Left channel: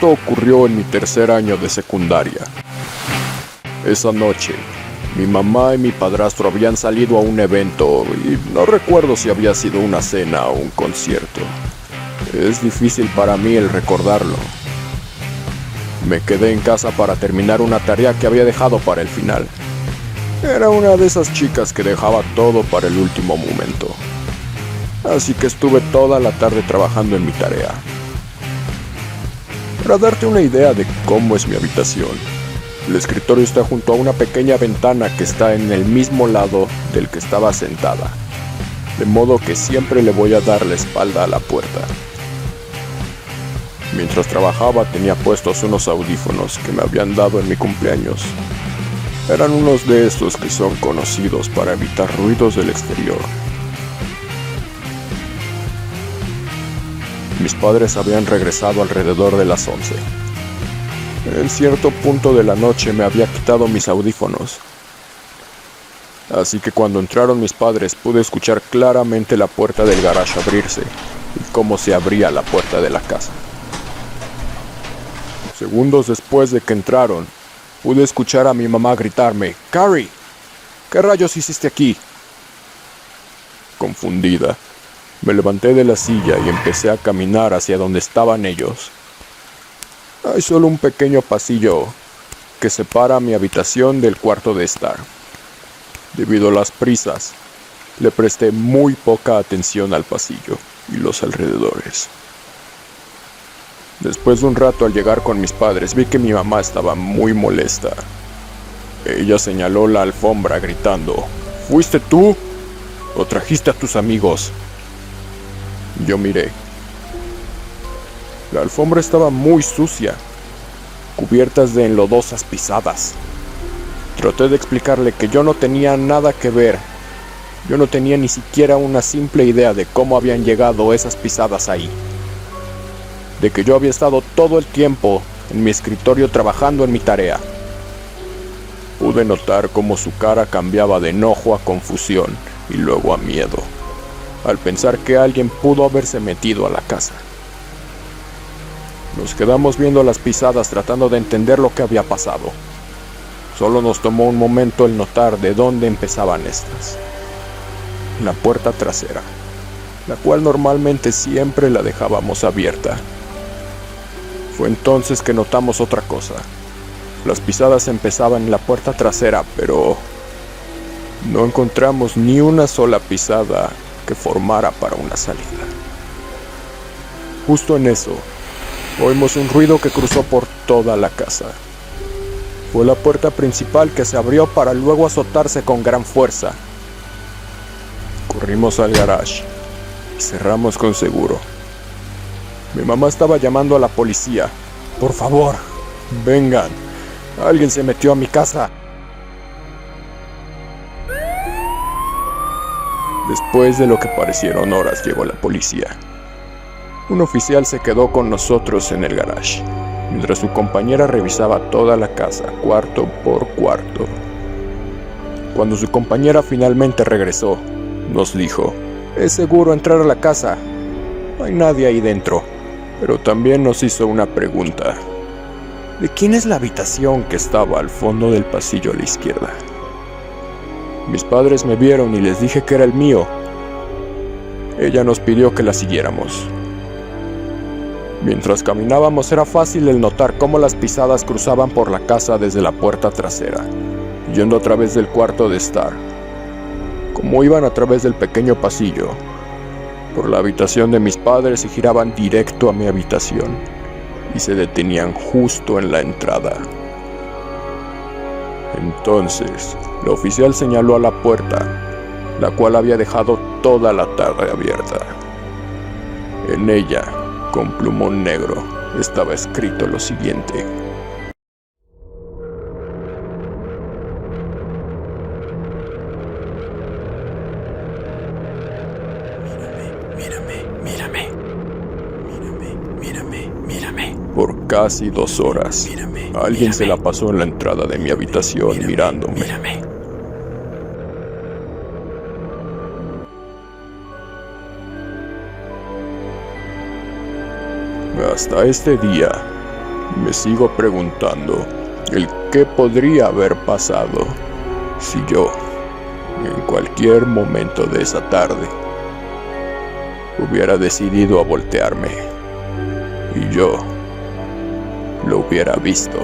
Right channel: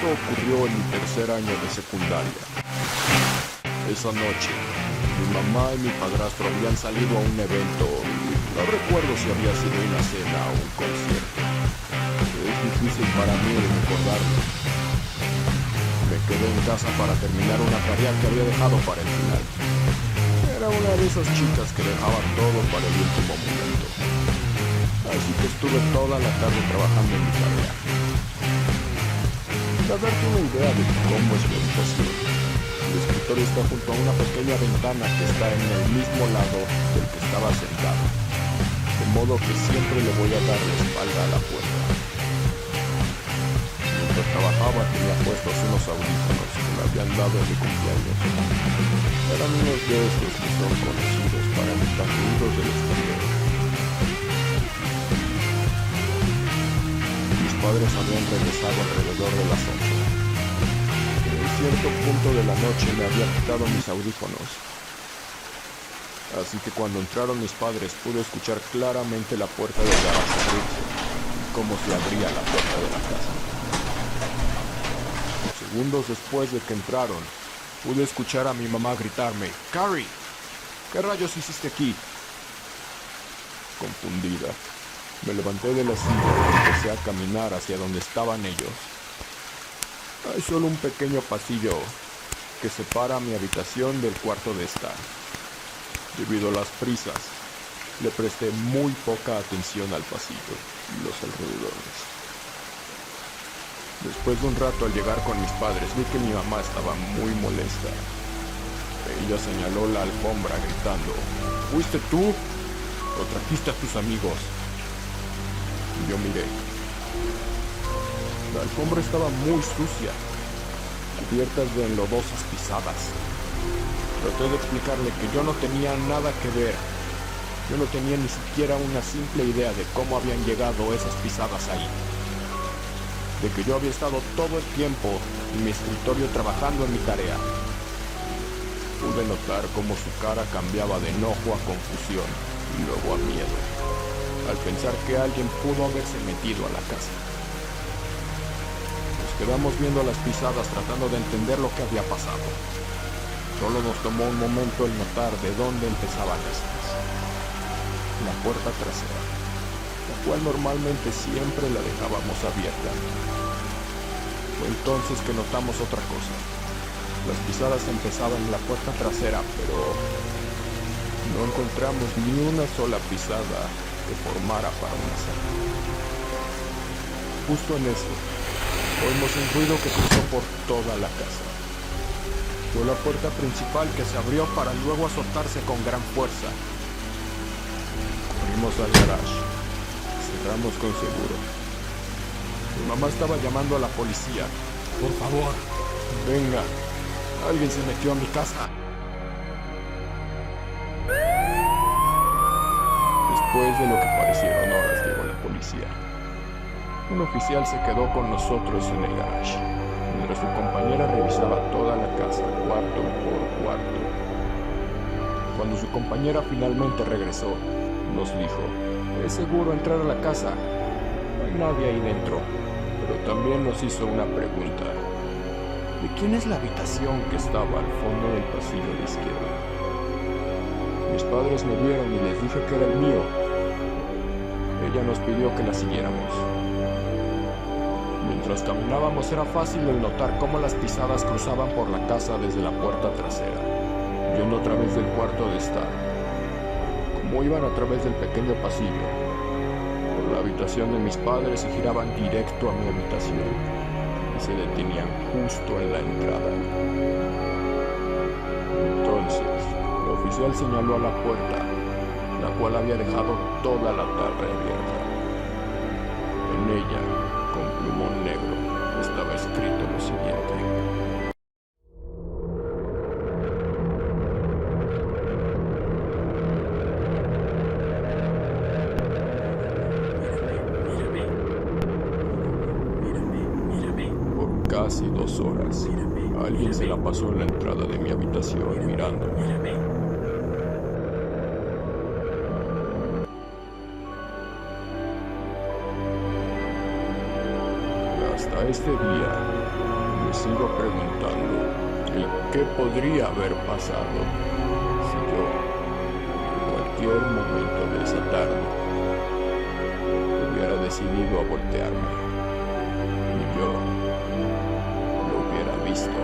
Esto ocurrió en mi tercer año de secundaria. Esa noche, mi mamá y mi padrastro habían salido a un evento y no recuerdo si había sido una cena o un concierto. Es difícil para mí el recordarlo. Me quedé en casa para terminar una tarea que había dejado para el final. Era una de esas chicas que dejaba todo para el último momento. Así que estuve toda la tarde trabajando en mi tarea. Para darte una idea de cómo es mi habitación, el escritorio está junto a una pequeña ventana que está en el mismo lado del que estaba sentada, de modo que siempre le voy a dar la espalda a la puerta. Mientras trabajaba tenía puestos unos audífonos que me habían dado en mi cumpleaños. Eran unos de estos que son conocidos para evitar ruidos del exterior. Mis padres habían regresado alrededor de las 11. En cierto punto de la noche me había quitado mis audífonos. Así que cuando entraron mis padres pude escuchar claramente la puerta del garaje abrirse y cómo se abría la puerta de la casa. Segundos después de que entraron, pude escuchar a mi mamá gritarme: «Carrie, ¿qué rayos hiciste aquí?». Confundida, me levanté de la silla y empecé a caminar hacia donde estaban ellos. Hay solo un pequeño pasillo que separa mi habitación del cuarto de estar. Debido a las prisas, le presté muy poca atención al pasillo y los alrededores. Después de un rato, al llegar con mis padres, vi que mi mamá estaba muy molesta. Ella señaló la alfombra gritando: «¿Fuiste tú o trajiste a tus amigos?». Yo miré. La alfombra estaba muy sucia, cubiertas de enlodosas pisadas. Traté de explicarle que yo no tenía nada que ver. Yo no tenía ni siquiera una simple idea de cómo habían llegado esas pisadas ahí. De que yo había estado todo el tiempo en mi escritorio trabajando en mi tarea. Pude notar cómo su cara cambiaba de enojo a confusión y luego a miedo, al pensar que alguien pudo haberse metido a la casa. Nos quedamos viendo las pisadas tratando de entender lo que había pasado. Solo nos tomó un momento el notar de dónde empezaban estas. Una puerta trasera, la cual normalmente siempre la dejábamos abierta. Fue entonces que notamos otra cosa. Las pisadas empezaban en la puerta trasera, pero no encontramos ni una sola pisada que formara para una salida. Justo en eso, oímos un ruido que cruzó por toda la casa. Fue la puerta principal que se abrió para luego azotarse con gran fuerza. Corrimos al garage y cerramos con seguro. Mi mamá estaba llamando a la policía. «Por favor, vengan. Alguien se metió a mi casa». Después de lo que parecieron horas, llegó la policía. Un oficial se quedó con nosotros en el garage, mientras su compañera revisaba toda la casa, cuarto por cuarto. Cuando su compañera finalmente regresó, nos dijo: «Es seguro entrar a la casa. No hay nadie ahí dentro». Pero también nos hizo una pregunta: ¿de quién es la habitación que estaba al fondo del pasillo a la izquierda? Mis padres me vieron y les dije que era el mío. Ella nos pidió que la siguiéramos. Mientras caminábamos era fácil el notar cómo las pisadas cruzaban por la casa desde la puerta trasera, yendo a través del cuarto de estar. Como iban a través del pequeño pasillo, por la habitación de mis padres y giraban directo a mi habitación y se detenían justo en la entrada. Entonces, el oficial señaló a la puerta, la cual había dejado toda la tarde abierta. En ella, con plumón negro, estaba escrito lo siguiente: Por casi 2 horas, alguien se la pasó en la entrada de mi habitación mirándome. Hasta este día, Me sigo preguntando el qué podría haber pasado si yo, en cualquier momento de esa tarde, hubiera decidido a voltearme y yo lo hubiera visto.